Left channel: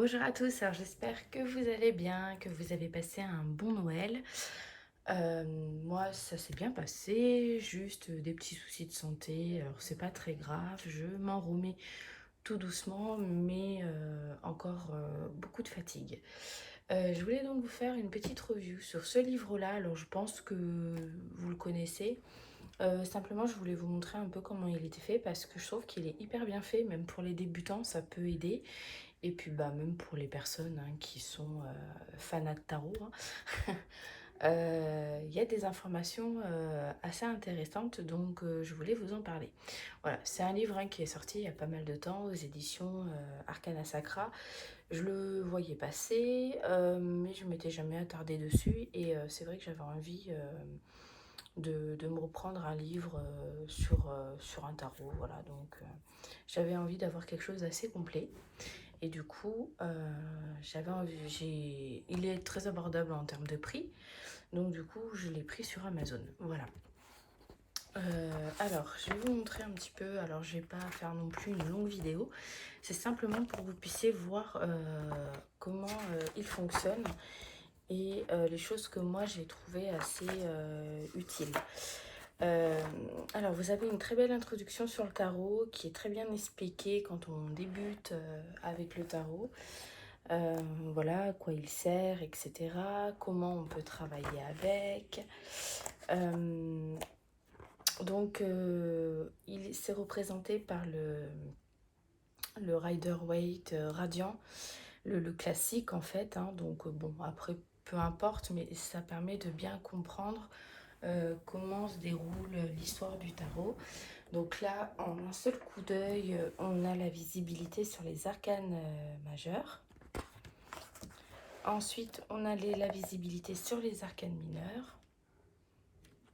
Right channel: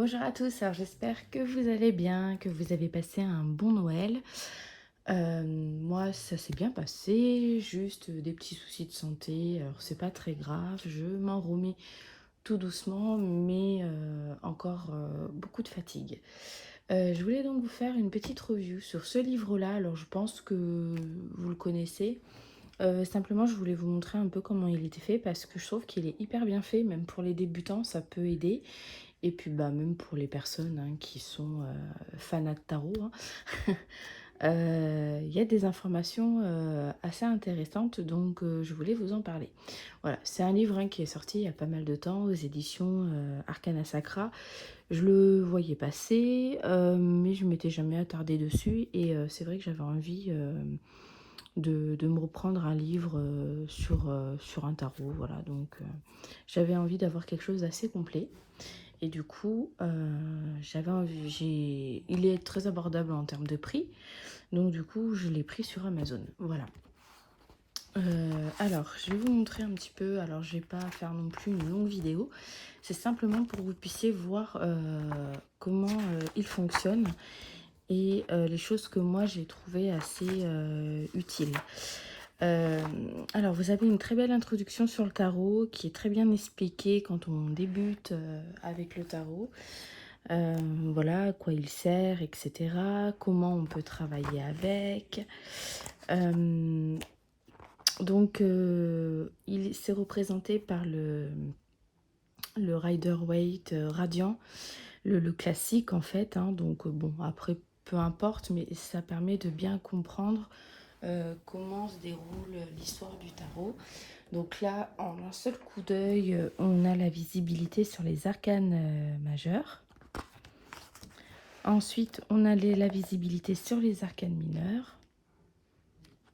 Bonjour à tous, alors j'espère que vous allez bien, que vous avez passé un bon Noël. Moi, ça s'est bien passé, juste des petits soucis de santé. Alors, c'est pas très grave, je m'en remets tout doucement, mais encore beaucoup de fatigue. Je voulais donc vous faire une petite review sur ce livre-là. Alors, je pense que vous le connaissez. Simplement, je voulais vous montrer un peu comment il était fait parce que je trouve qu'il est hyper bien fait, même pour les débutants, ça peut aider. Et puis bah, même pour les personnes qui sont fanats de tarot, hein. Il y a des informations assez intéressantes, donc je voulais vous en parler. Voilà, c'est un livre qui est sorti il y a pas mal de temps aux éditions Arcana Sacra. Je le voyais passer, mais je m'étais jamais attardée dessus. Et c'est vrai que j'avais envie de me reprendre un livre sur un tarot. Voilà, donc j'avais envie d'avoir quelque chose d'assez complet. Et du coup, il est très abordable en termes de prix. Donc du coup, je l'ai pris sur Amazon. Voilà. Alors, je vais vous montrer un petit peu. Alors, je vais pas faire non plus une longue vidéo. C'est simplement pour que vous puissiez voir comment il fonctionne et les choses que moi j'ai trouvées assez utiles. Euh, alors, vous avez une très belle introduction sur le tarot qui est très bien expliquée quand on débute avec le tarot. Voilà, à quoi il sert, etc. Comment on peut travailler avec. Euh, il s'est représenté par le Rider-Waite radiant, le classique en fait, hein. Donc bon, après, peu importe, mais ça permet de bien comprendre comment se déroule l'histoire du tarot. Donc là, en un seul coup d'œil, on a la visibilité sur les arcanes majeurs. Ensuite, on a la visibilité sur les arcanes mineurs.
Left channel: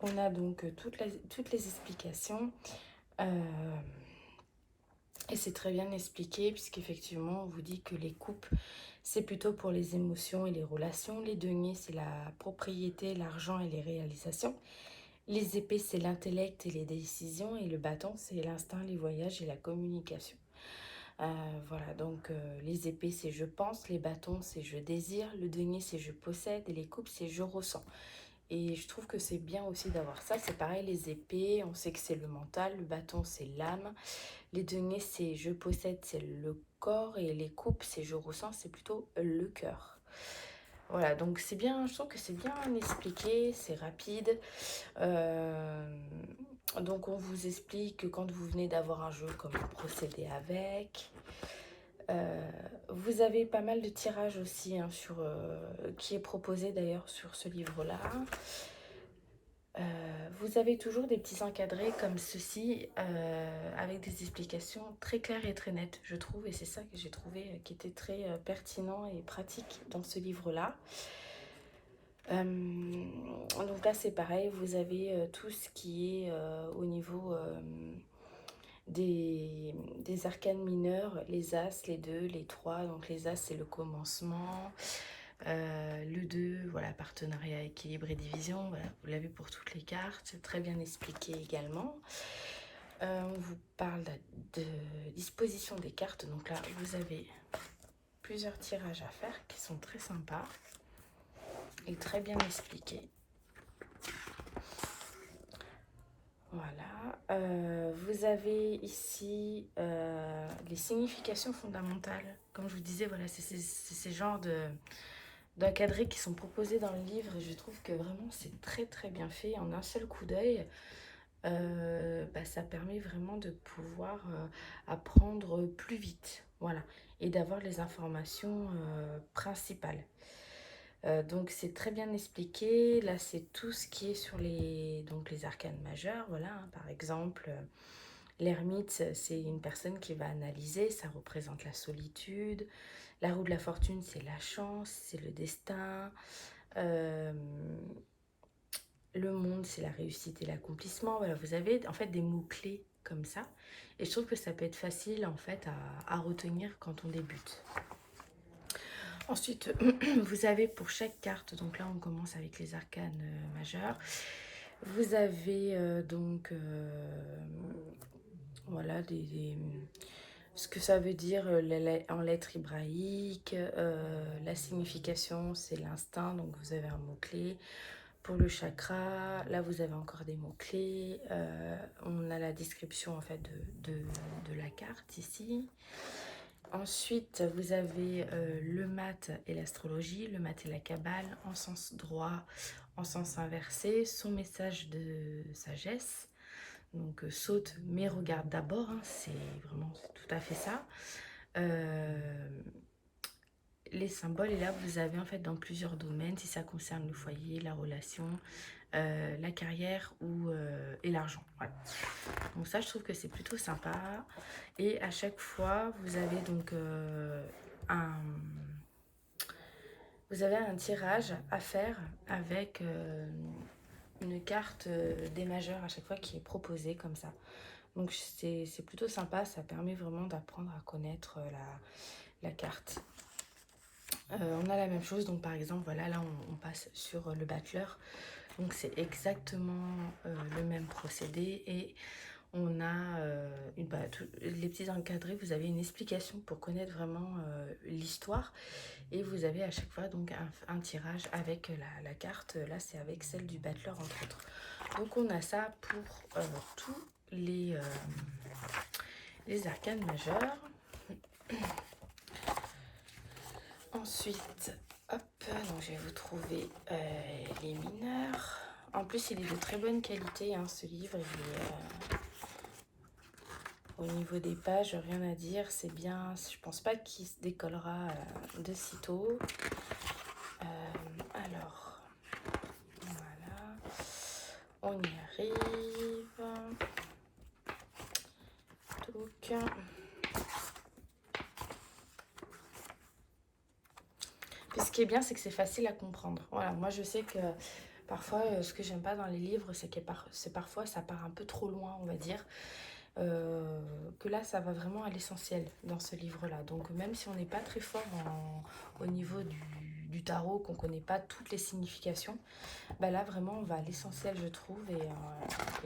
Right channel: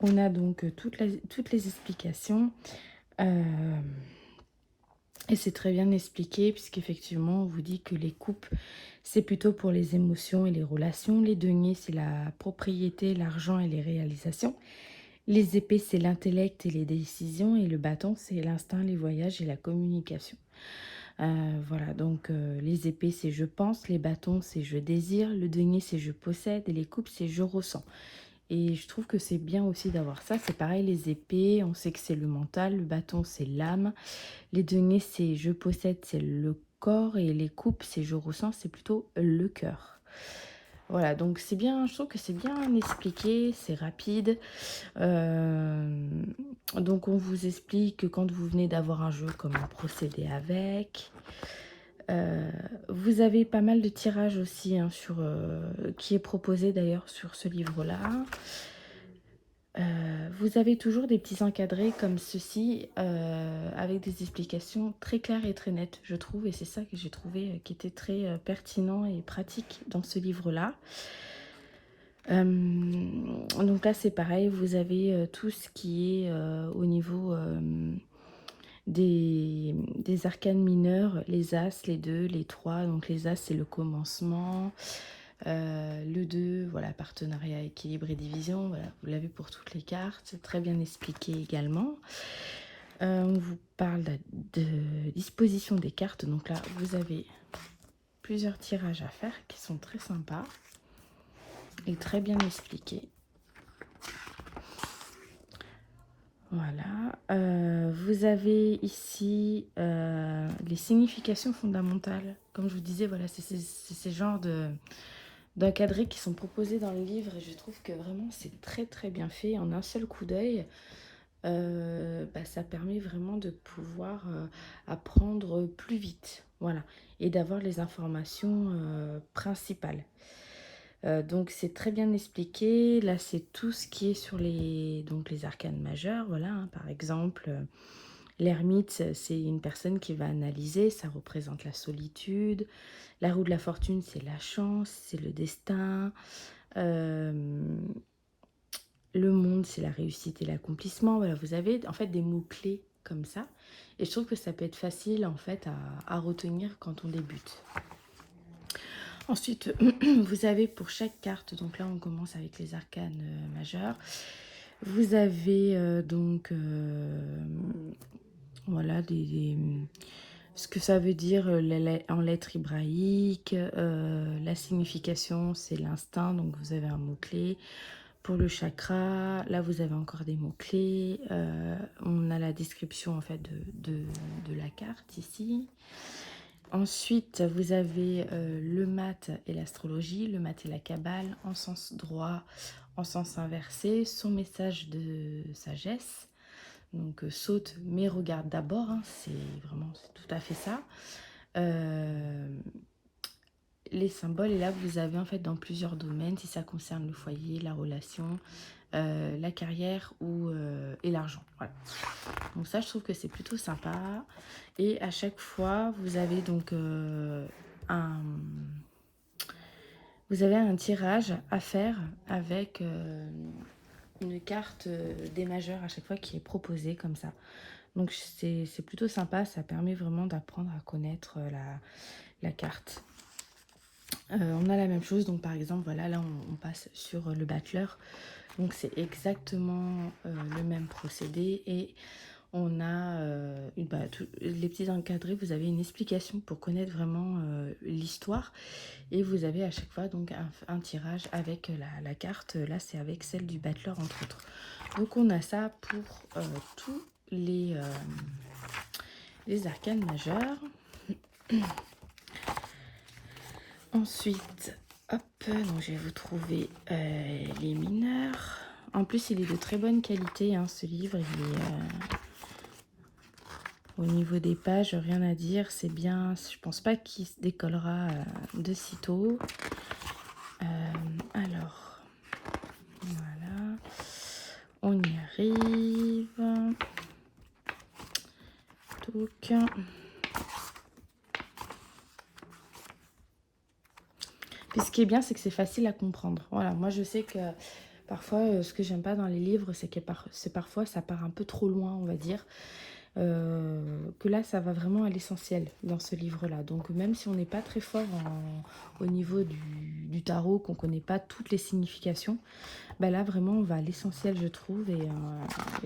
On a donc toutes les explications. Et c'est très bien expliqué puisqu'effectivement, on vous dit que les coupes, c'est plutôt pour les émotions et les relations. Les deniers, c'est la propriété, l'argent et les réalisations. Les épées, c'est l'intellect et les décisions. Et le bâton, c'est l'instinct, les voyages et la communication. Voilà, donc les épées, c'est je pense. Les bâtons, c'est je désire. Le denier, c'est je possède. Et les coupes, c'est je ressens. Et je trouve que c'est bien aussi d'avoir ça. C'est pareil, les épées, on sait que c'est le mental. Le bâton, c'est l'âme. Les deniers, c'est je possède, c'est le corps. Et les coupes, c'est je ressens, c'est plutôt le cœur. Voilà, donc c'est bien, je trouve que c'est bien expliqué, c'est rapide. Donc on vous explique que quand vous venez d'avoir un jeu, comment procéder avec. Vous avez pas mal de tirages aussi qui est proposé d'ailleurs sur ce livre-là. Vous avez toujours des petits encadrés comme ceci, avec des explications très claires et très nettes, je trouve. Et c'est ça que j'ai trouvé qui était très pertinent et pratique dans ce livre-là. Donc là, c'est pareil, vous avez tout ce qui est au niveau des arcanes mineurs, les As, les 2, les 3. Donc les As, c'est le commencement. Le 2, voilà, partenariat, équilibre et division. Voilà, vous l'avez pour toutes les cartes. C'est très bien expliqué également. On vous parle de disposition des cartes. Donc là, vous avez plusieurs tirages à faire qui sont très sympas et très bien expliqués. Voilà. Vous avez ici les significations fondamentales. Comme je vous disais, voilà, c'est ces genres d'encadrés qui sont proposés dans le livre. Et je trouve que vraiment, c'est très très bien fait. En un seul coup d'œil, ça permet vraiment de pouvoir apprendre plus vite. Voilà. Et d'avoir les informations principales. Donc c'est très bien expliqué. Là, c'est tout ce qui est sur les arcanes majeures. Voilà, hein. Par exemple, l'ermite, c'est une personne qui va analyser. Ça représente la solitude. La roue de la fortune, c'est la chance, c'est le destin. Euh, le monde, c'est la réussite et l'accomplissement. Voilà, vous avez en fait des mots-clés comme ça. Et je trouve que ça peut être facile en fait à retenir quand on débute. Ensuite, vous avez pour chaque carte, donc là on commence avec les arcanes majeures, vous avez voilà ce que ça veut dire en lettres hébraïques. La signification, c'est l'instinct, donc vous avez un mot-clé. Pour le chakra, là vous avez encore des mots-clés. On a la description en fait de la carte ici. Ensuite, vous avez le mat et l'astrologie, le mat et la kabbale, en sens droit, en sens inversé, son message de sagesse. Donc saute mais regarde d'abord, hein, c'est vraiment tout à fait ça. Les symboles, et là vous avez en fait dans plusieurs domaines, si ça concerne le foyer, la relation, la carrière et l'argent. Voilà. Donc ça, je trouve que c'est plutôt sympa. Et à chaque fois, vous avez donc vous avez un tirage à faire avec une carte des majeurs à chaque fois qui est proposée comme ça. Donc c'est plutôt sympa, ça permet vraiment d'apprendre à connaître la carte. On a la même chose, donc par exemple, voilà, là on passe sur le battleur. Donc c'est exactement le même procédé et on a les petits encadrés, vous avez une explication pour connaître vraiment l'histoire et vous avez à chaque fois donc un tirage avec la carte. Là c'est avec celle du battleur entre autres. Donc on a ça pour tous les arcanes majeures. Ensuite, hop, donc je vais vous trouver les mineurs. En plus, il est de très bonne qualité, hein, ce livre. Il est, au niveau des pages, rien à dire. C'est bien. Je pense pas qu'il se décollera de sitôt. Alors, voilà. On y arrive. Donc. Puis ce qui est bien, c'est que c'est facile à comprendre. Voilà, moi je sais que parfois, ce que j'aime pas dans les livres, c'est que parfois ça part un peu trop loin, on va dire. Que là, ça va vraiment à l'essentiel dans ce livre-là. Donc même si on n'est pas très fort au niveau du tarot, qu'on ne connaît pas toutes les significations, bah là vraiment on va à l'essentiel, je trouve, et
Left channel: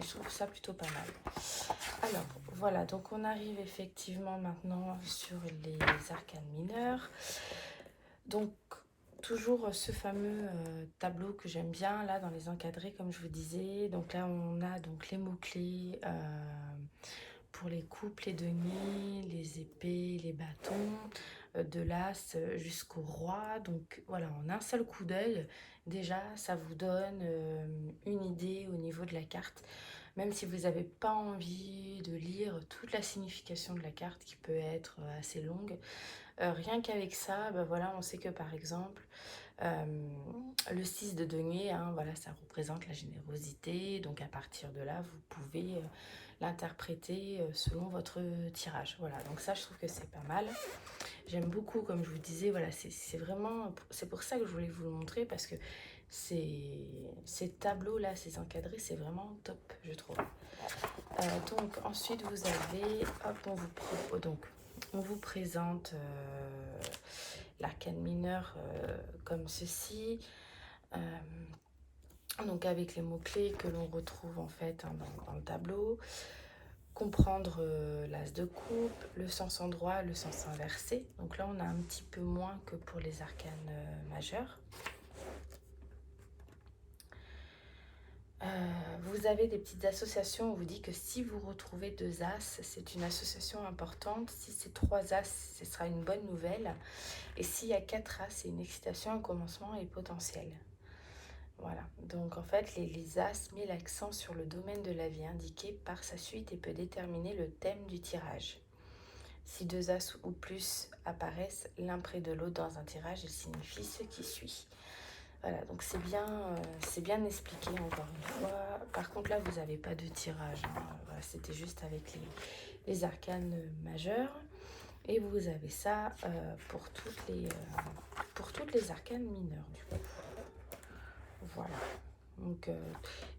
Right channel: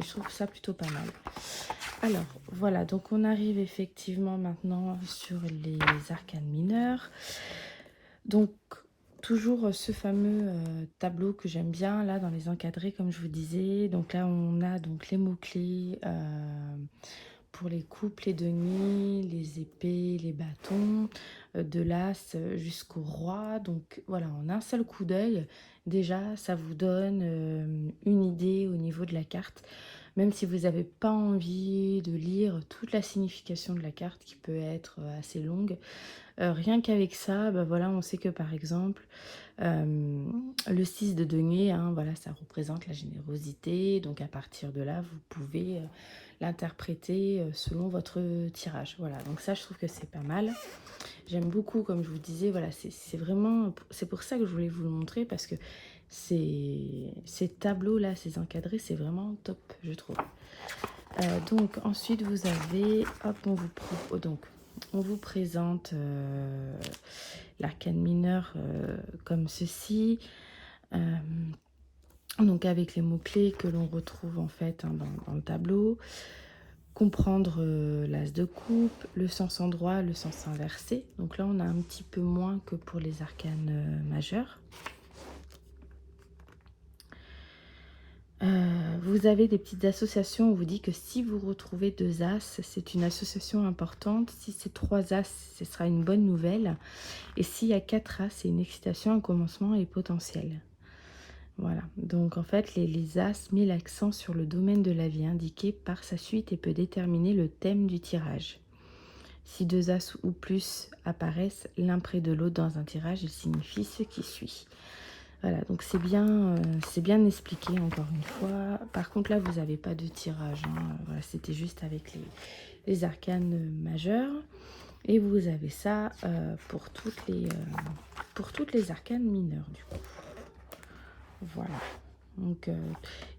je trouve ça plutôt pas mal. Alors voilà, donc on arrive effectivement maintenant sur les arcanes mineurs. Donc toujours ce fameux tableau que j'aime bien là dans les encadrés, comme je vous disais. Donc là on a donc les mots-clés pour les coupes, les deniers, les épées, les bâtons, de l'as jusqu'au roi. Donc voilà, en un seul coup d'œil, déjà ça vous donne une idée au niveau de la carte. Même si vous n'avez pas envie de lire toute la signification de la carte qui peut être assez longue, rien qu'avec ça, ben voilà, on sait que par exemple, le 6 de denier, hein, voilà, ça représente la générosité. Donc à partir de là, vous pouvez l'interpréter selon votre tirage. Voilà, donc ça, je trouve que c'est pas mal. J'aime beaucoup, comme je vous disais, voilà, c'est vraiment, c'est pour ça que je voulais vous le montrer, parce que ces tableaux-là, ces encadrés, c'est vraiment top, je trouve. Donc ensuite, vous avez, hop, on vous présente l'arcane mineur comme ceci. Donc avec les mots-clés que l'on retrouve en fait dans le tableau. Comprendre l'as de coupe, le sens endroit, le sens inversé. Donc là on a un petit peu moins que pour les arcanes majeurs. Vous avez des petites associations. On vous dit que si vous retrouvez 2 as, c'est une association importante. Si c'est 3 as, ce sera une bonne nouvelle. Et s'il y a 4 as, c'est une excitation, un commencement et potentiel. Voilà, donc en fait les as met l'accent sur le domaine de la vie indiqué par sa suite et peut déterminer le thème du tirage. Si 2 as ou plus apparaissent l'un près de l'autre dans un tirage, il signifie ce qui suit. Voilà, donc c'est bien expliqué encore une fois. Par contre là vous n'avez pas de tirage, hein. Voilà, c'était juste avec les arcanes majeures. Et vous avez ça pour toutes les arcanes mineures du coup. Voilà. Donc,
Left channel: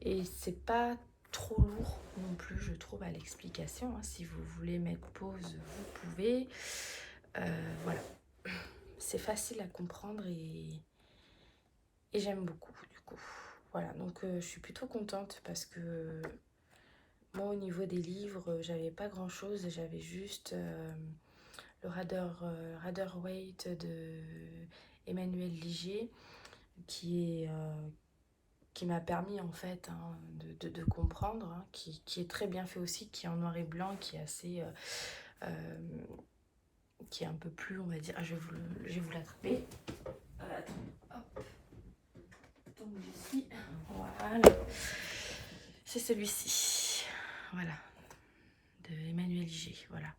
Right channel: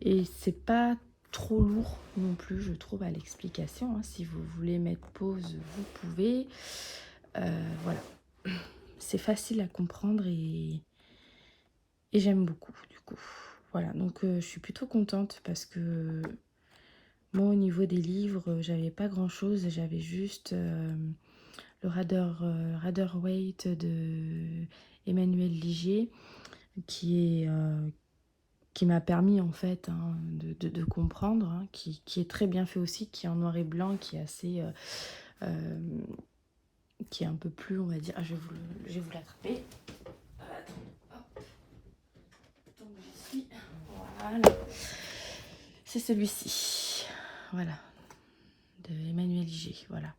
et c'est pas trop lourd non plus, je trouve, à l'explication. Hein. Si vous voulez mettre pause, vous pouvez. Voilà. C'est facile à comprendre et j'aime beaucoup, du coup. Voilà, donc je suis plutôt contente parce que Moi, au niveau des livres, j'avais pas grand-chose. J'avais juste le Waite de Emmanuel Ligier, qui est qui m'a permis en fait hein, de comprendre, hein, qui est très bien fait aussi, qui est en noir et blanc, qui est assez, qui est un peu plus, on va dire, ah, je vais vous l'attraper. Attends, hop, donc j'y suis, voilà, c'est celui-ci, voilà, de Emmanuel G, voilà.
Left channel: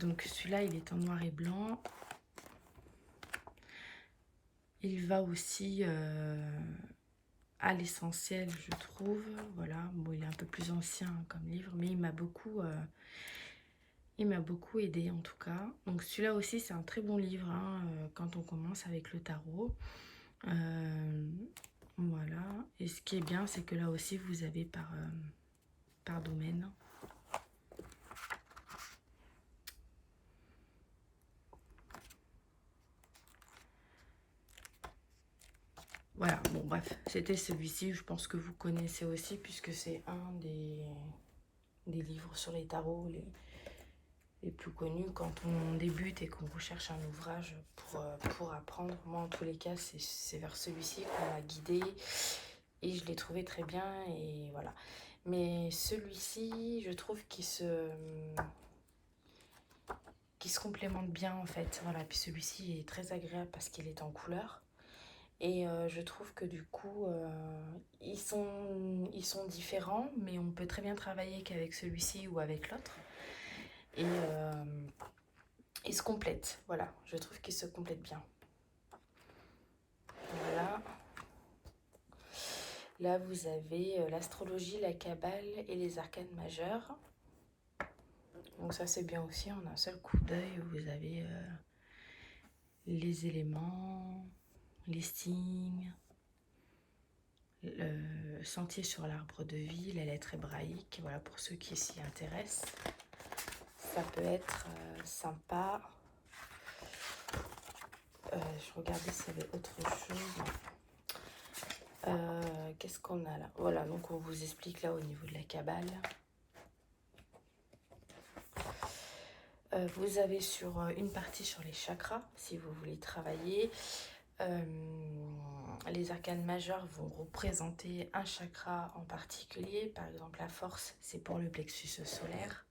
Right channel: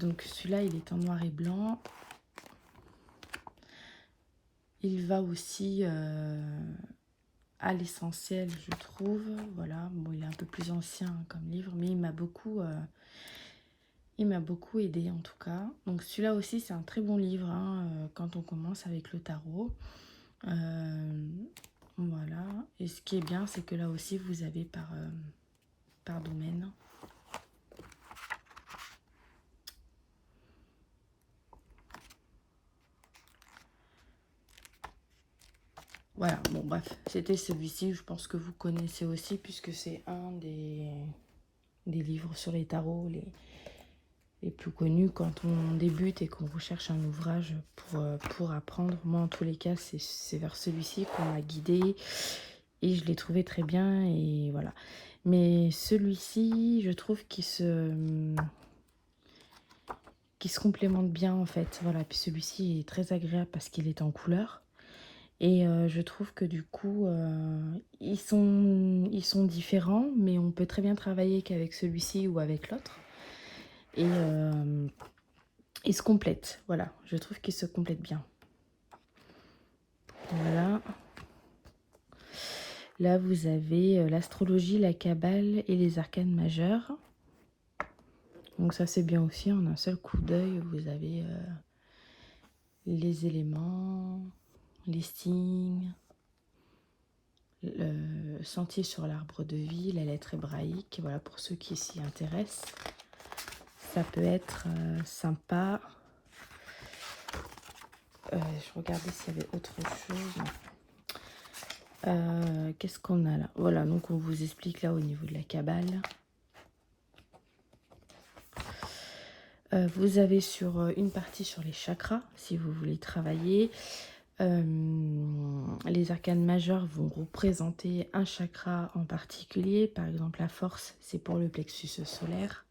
Donc celui-là, il est en noir et blanc. Il va aussi à l'essentiel, je trouve. Voilà, bon, il est un peu plus ancien hein, comme livre, mais il m'a beaucoup aidé en tout cas. Donc celui-là aussi, c'est un très bon livre hein, quand on commence avec le tarot. Voilà. Et ce qui est bien, c'est que là aussi, vous avez par domaine. Voilà, bon bref, c'était celui-ci, je pense que vous connaissez aussi, puisque c'est un des livres sur les tarots les plus connus quand on débute et qu'on recherche un ouvrage pour apprendre. Moi, en tous les cas, c'est vers celui-ci qu'on m'a guidée et je l'ai trouvé très bien et voilà. Mais celui-ci, je trouve qu'il se complémente bien en fait. Voilà, puis celui-ci est très agréable parce qu'il est en couleur. Et je trouve que du coup, ils sont différents, mais on peut très bien travailler qu'avec celui-ci ou avec l'autre. Et ils se complètent, voilà. Je trouve qu'ils se complètent bien. Voilà. Là, vous avez l'astrologie, la cabale et les arcanes majeures. Donc ça, c'est bien aussi. En un seul coup d'œil, vous avez les éléments, les signes, le sentier sur l'arbre de vie, la lettre hébraïque. Voilà, pour ceux qui s'y intéressent. Ça peut être sympa. Je regardais s'il y avait autre chose. Qu'est-ce qu'on a là? Voilà, donc on vous explique là au niveau de la cabale. Vous avez sur une partie sur les chakras, si vous voulez travailler. Les arcanes majeures vont représenter un chakra en particulier. Par exemple, la force, c'est pour le plexus solaire.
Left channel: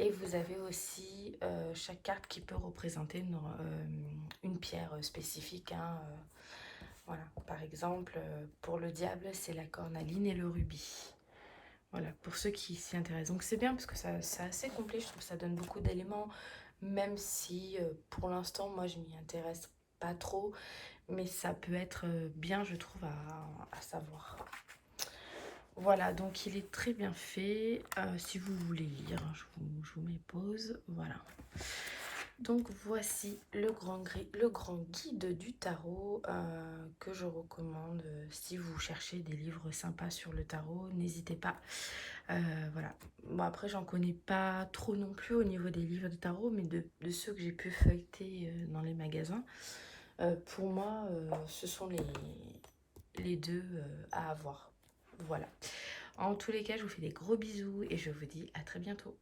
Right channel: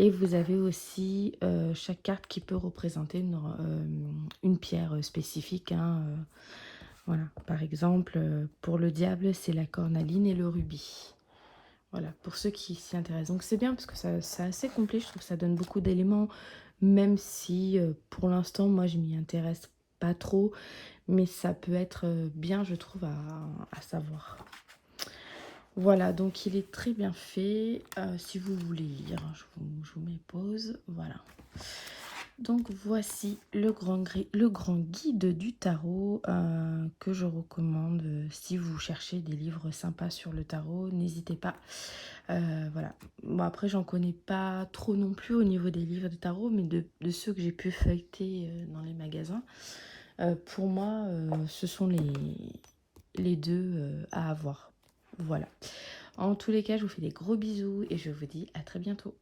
Et vous avez aussi chaque carte qui peut représenter une pierre spécifique. Hein, voilà. Par exemple, pour le diable, c'est la cornaline et le rubis. Voilà, pour ceux qui s'y intéressent. Donc c'est bien parce que c'est assez complet, je trouve que ça donne beaucoup d'éléments, même si pour l'instant, moi, je m'y intéresse pas trop. Mais ça peut être bien, je trouve, à savoir. Voilà, donc il est très bien fait. Si vous voulez lire, je vous mets pause. Voilà. Donc voici le grand guide du tarot que je recommande si vous cherchez des livres sympas sur le tarot. N'hésitez pas. Voilà. Bon, après, j'en connais pas trop non plus au niveau des livres de tarot, mais de ceux que j'ai pu feuilleter dans les magasins. Pour moi, ce sont les deux à avoir. Voilà. En tous les cas, je vous fais des gros bisous et je vous dis à très bientôt.